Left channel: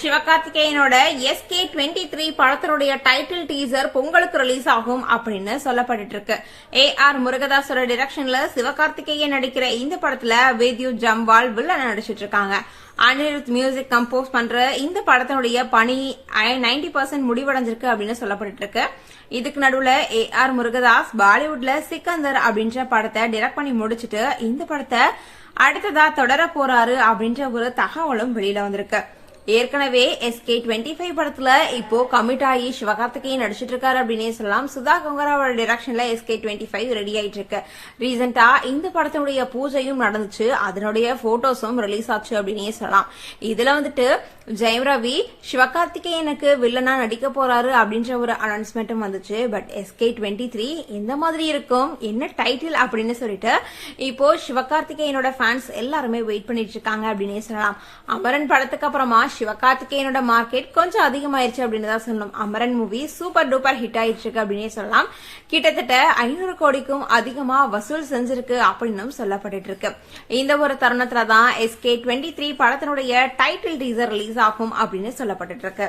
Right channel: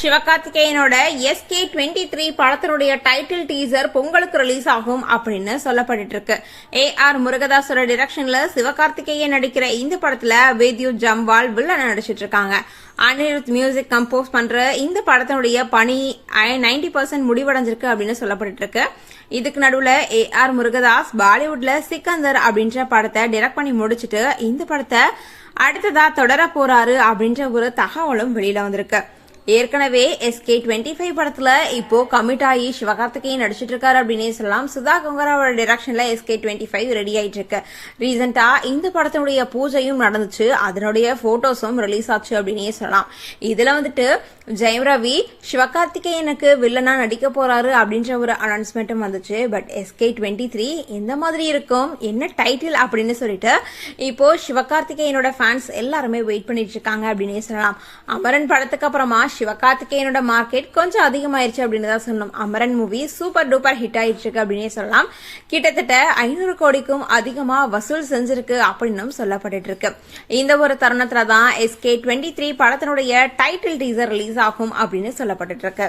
சிவகார்த்திகேயனோட SK23 படத்தினுடைய title teaser பொங்கலுக்கு release ஆகும் அப்படின்னு சொல்லப்பட்டு இருக்கு. AR முருகதாஸோட டிரெக்ஷன்ல சிவகார்த்திகேயன் நடிக்கிற இந்த படத்துல வித்யுத் ஜம்வால் வில்லன் நடிச்சிட்டு இருக்காங்க. அனிருத் மியூசிக் கம்போஸ் பண்ற இந்த படத்தினுடைய பணி 90% முடிவடைஞ்சிருக்கு அப்படின்னு சொல்லப்பட்டு இருக்கு. இதுக்கு நடுவுல AR முருகதாஸ் பாலிவுட்ல சிக்கந்தர் அப்படின்ற படத்தை டிரெக்ட் பண்ணி முடிச்சிட்டு இந்த படத்தை அடுத்ததா தொடர போறாரு அப்படின்ற ஒரு தகவலும் வெளியில வந்திருக்கு. ஏற்கனவே SK25 படத்துல இப்போ கமிட் ஆகி சிவகார்த்திகேயன் நடிச்சிட்டு இருக்காரு அப்படின்னே சொல்லலாம். சுதா கொங்கராவோட டிரெக்ஷன்ல SK25 ரெடி ஆயிட்டு இருக்கு. ரீசெண்டா இந்த படத்தினுடைய பூஜையும் நடந்துச்சு, அதனுடைய போட்டோஸும் ரிலீஸ் ஆச்சு அப்படின்னே சொல்லலாம். இதுல வந்துட்டு ஜெயம் ரவி சிவகார்த்திகேயனுக்கு வில்லனா நடிக்க போறாரு அப்படின்ற ஒரு அனௌன்ஸ்மெண்ட்டும் வந்துச்சு. பட் SK23 எந்த மாதிரி இருக்கும், என்ன டைட்டில் அப்படின்னு சொல்லிட்டு இப்போ சிவகார்த்திகேயனோட ஃபேன்ஸ் எல்லாருமே வெயிட் பண்ணிட்டு இருக்காங்க அப்படின்னே சொல்லலாம். அமரன் படத்துக்கு அப்புறமா சிவகார்த்திகேயனோட மார்க்கெட் கொஞ்சம் அதிகமாயிருச்சு அப்படின்னு தான் சொல்லணும். Amaran movie super duper hit ஆயிடுச்சு இருக்கு அப்படின்னே சொல்லலாம். கிட்டத்தட்ட 500 கோடிக்கும் அதிகமா வசூல் செஞ்சிருக்கு அப்படின்னு சொல்லப்பட்டு இருக்கு. இந்த ஒரு தருணத்துல தான் SK23 படத்தினுடைய டைட்டில் டீசர் ரிலீஸ் ஆகும் அப்படின்னு சொல்லப்பட்டு இருக்கு.